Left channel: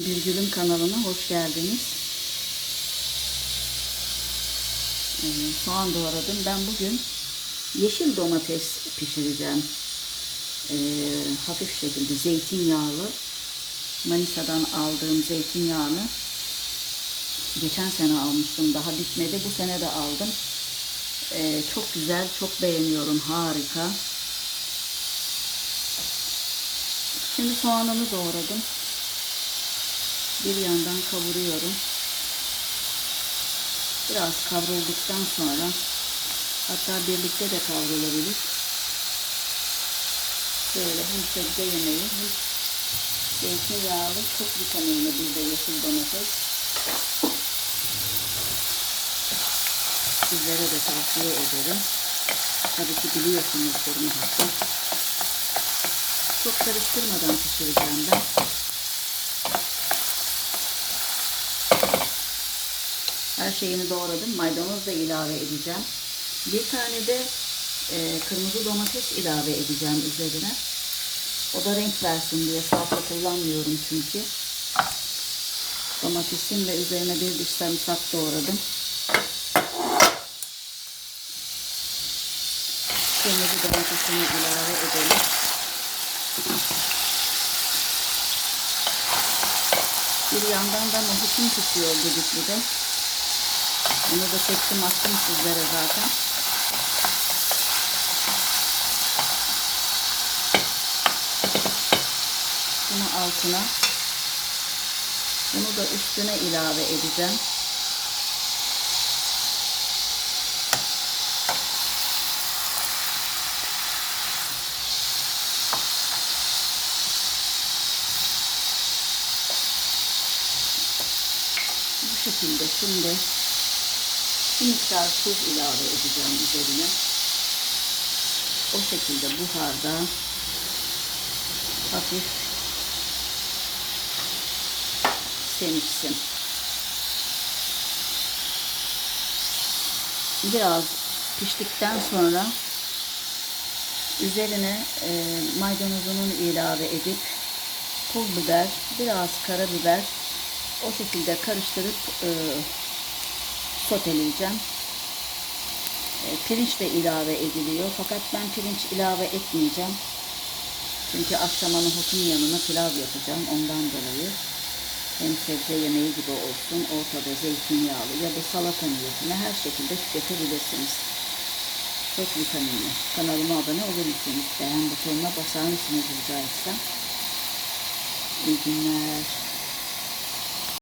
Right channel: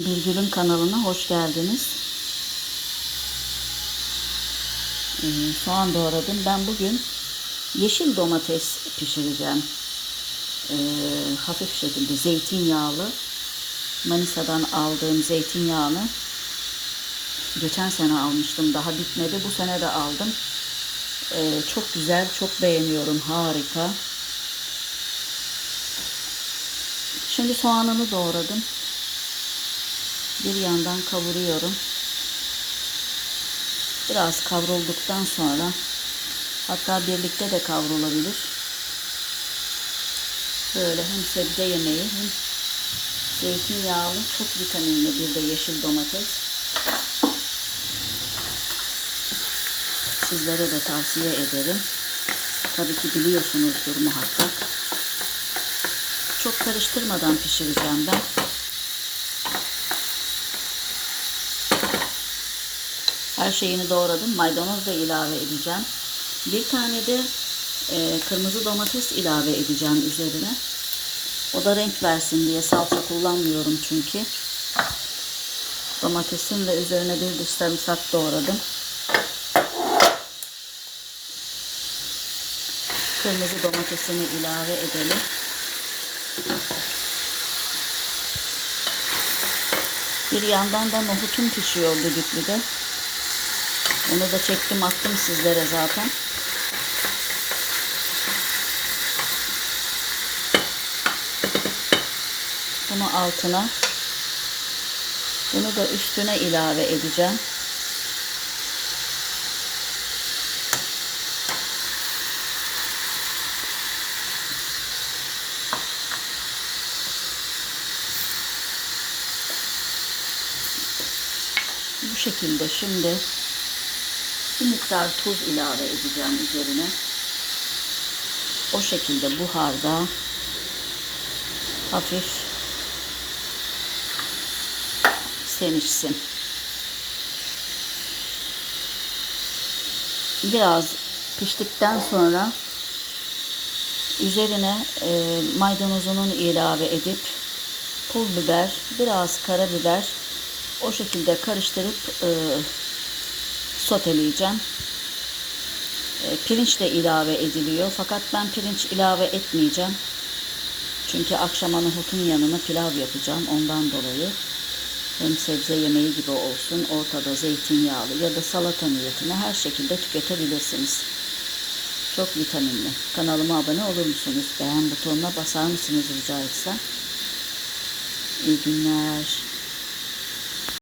Birgül'ün kanalına hoş geldiniz. Ee, soğan doğradım. Ben bugün yeşil domates pişireceğim. Ee, hafif şekilde zeytinyağlı. Manisa'dan aldığım zeytinyağını geçen sene almıştım. Daha bitmedi. Bu sene de aldım. Ee, çok güzel, çok beğeniyorum. Harika. Şimdi soğanını doğradım. Bir yandan kavuruyorum. Biraz kavrulduktan sonra hatta birlikte de kavrulabilir. Böyle hem sebze yemeği hem zeytinyağlı çok vitaminli bir de yeşil domates. Sizlere de tavsiye ederim. Tabii ki biliyorsunuzdur muhakkak. Çok karıştırmadan pişireceğim ben. Her şeyini doğradım. Maydanoz da ilave edeceğim. Bir tane de e, kırmızı domates ilave edeceğim üzerine. O da renk versin diye salça kullanmıyorum çünkü. Domatesin ve üzerine bir diş sarımsak doğradım. Kırmızı domatesini ilave edelim. Bir yandan da nohutum pişiyor düdüklüde. Onu da çektim attım sizlere zaten. Bunu altına bunu da üstüne ilave edeceğim. Bu şekilde şimdi bir miktar tuz ilave edeceğim üzerine. O şekilde buharda hafif senişsin. Biraz piştikten sonra üzerine e, maydanozunun ilave edip pul biber, biraz karabiber o şekilde karıştırıp e, soteleyeceğim. E, pirinç de ilave ediliyor. Fakat ben pirinç ilave etmeyeceğim. Çünkü akşama nohutun yanına pilav yapacağım. Ondan dolayı hem sebze yemeği gibi olsun. Ortada zeytinyağlı ya da salata niyetine her şekilde tüketebilirsiniz. Çok vitaminli. Kanalıma abone olur musunuz? Beğen butonuna basar mısınız rica etsem? İyi günler.